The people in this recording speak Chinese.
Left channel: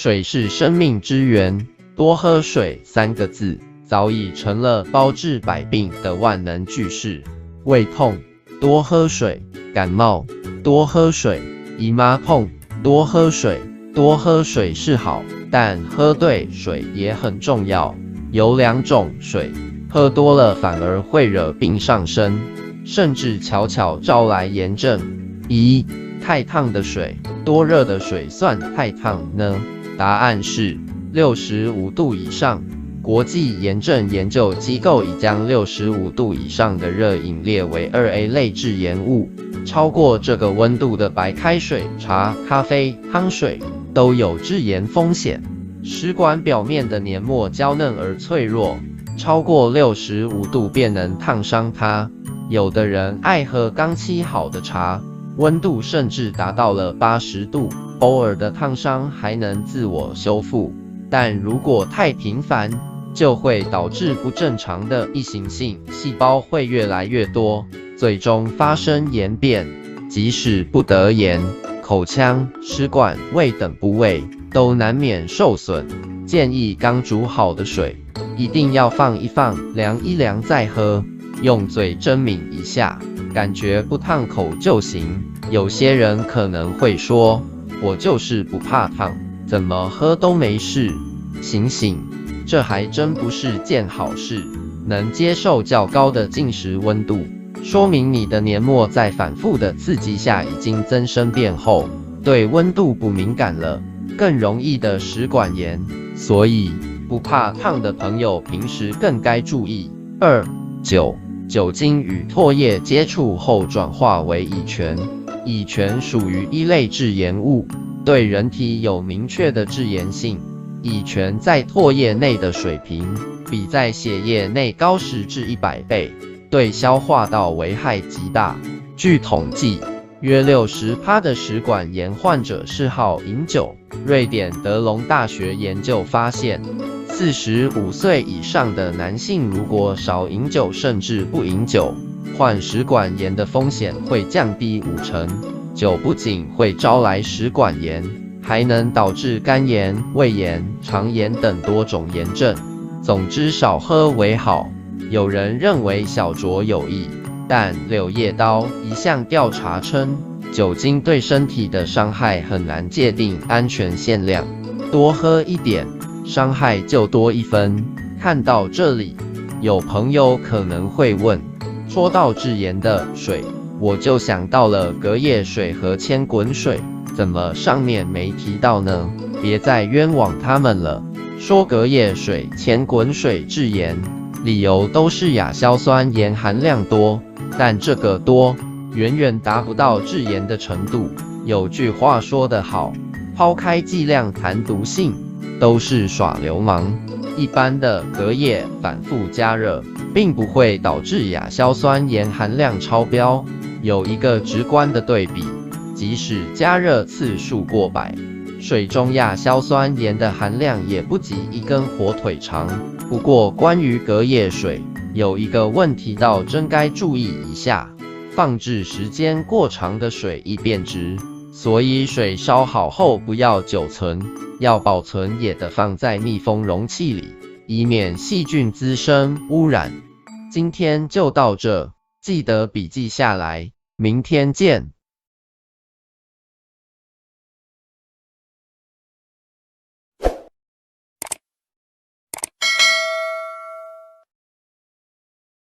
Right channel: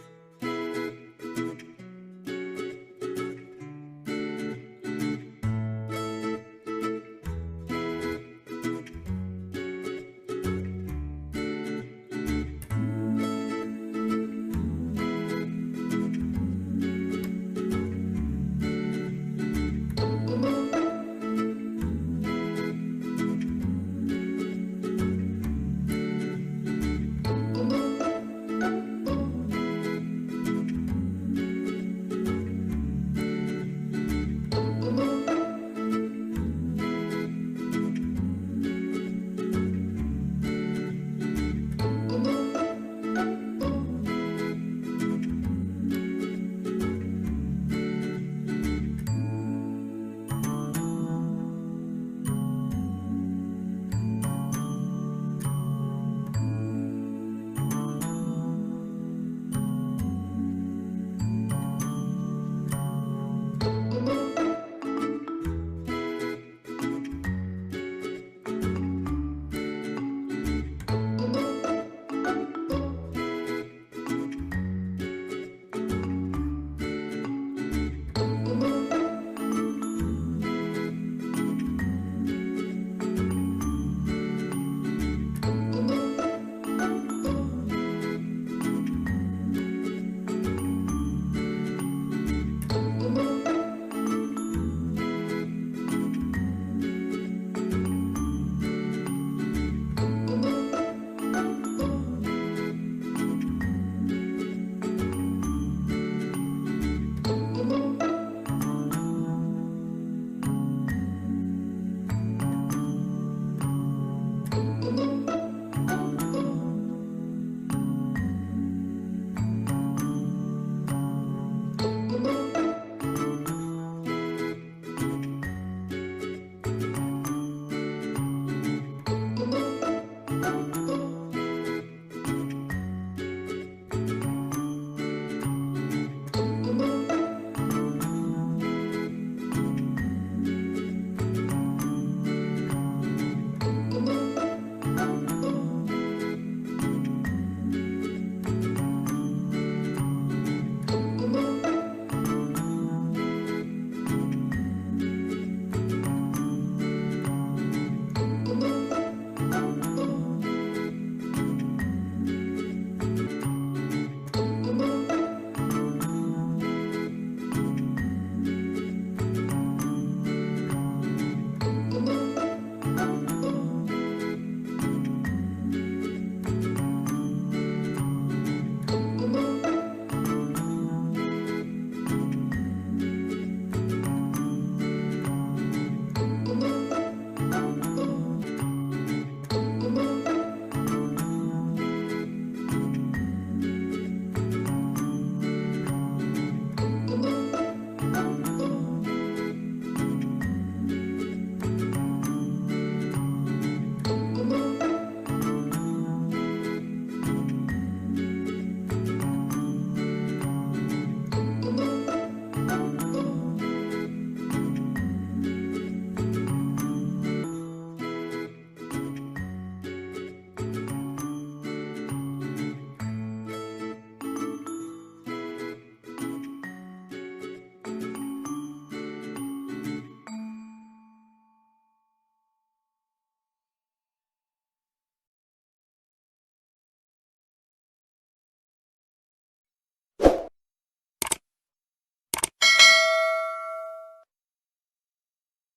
水是生命之源，多喝水3个字早已成了包治百病的万能句式。胃痛，多喝水；感冒，多喝水；姨妈痛，多喝水。多喝水是好，但喝对水也很重要。有2种水，喝多了反而会惹病上身，甚至悄悄招来炎症。1. 太烫的水，多热的水算太烫呢？答案是65度以上。国际炎症研究机构已将65度以上的热饮列为2A 类致炎物，超过这个温度的白开水、茶、咖啡、汤水都有致炎风险。食管表面的黏膜娇嫩而脆弱，超过65度便能烫伤它。有的人爱喝刚沏好的茶，温度甚至达到了80度，偶尔的烫伤还能自我修复，但如果太频繁，就会导致不正常的异形性细胞会越来越多，最终发生炎变。即使不得炎，口腔、食管、胃等部位都难免受损。建议刚煮好的水一定要放一放，凉一凉再喝，用嘴蒸抿一下，感觉不烫口就行。有些人可能会说，我就是不怕烫，怎么喝都没事。醒醒，这还真不是件好事。能接受较高的进食温度，说明你的黏膜在反复的刺激下已经增生变厚，对温度不敏感了，更容易的食管炎。所以不怕烫的朋友平时更该注意。2. 酒精与唾液接触后转化为乙醛，乙醛属于一类致炎物，对人体有明确的致炎性。乙醛在唾液内的水平比在血液内高10至100倍，对消化道危害极大。据统计，约60%的食管炎患者嗜好饮酒。瑞典德隆大学研究发现，45岁以上的男性如果少饮酒甚至不饮酒，患食管炎的风险会降低50%。酒不仅会招来食管炎，还能导致肝炎、胃炎、肠炎等多种炎症。总之，少喝为好。有人认为小酌有益，但柳叶刀一项调查称，酒精对身体的伤害很难界定安全限量，多喝一点，伤害就多1分。看到这里，有朋友可能会问，说到致炎的水，我就想到了隔夜水和千滚水，怎么上面没提到呢？别再冤枉他们了。说隔夜水、千滚水致炎，理由都是亚硝酸盐含量多，但这个多远远达不到致炎的程度。有句话说得好，抛开剂量谈毒性，都是耍流氓。一般的隔夜反复加热，并不会导致亚硝酸盐含量超标。有一个直观的对比，即使加热次数过百，水中亚硝酸盐的含量也不及一根火腿肠。不过关于隔夜水，有一个问题倒真该注意一下，放置时间过长的水易变质，所以水烧好后不要久存，要保存也得放在密封容器里，以免细菌滋生污染。今天就到这，记得笔记下来，明天见。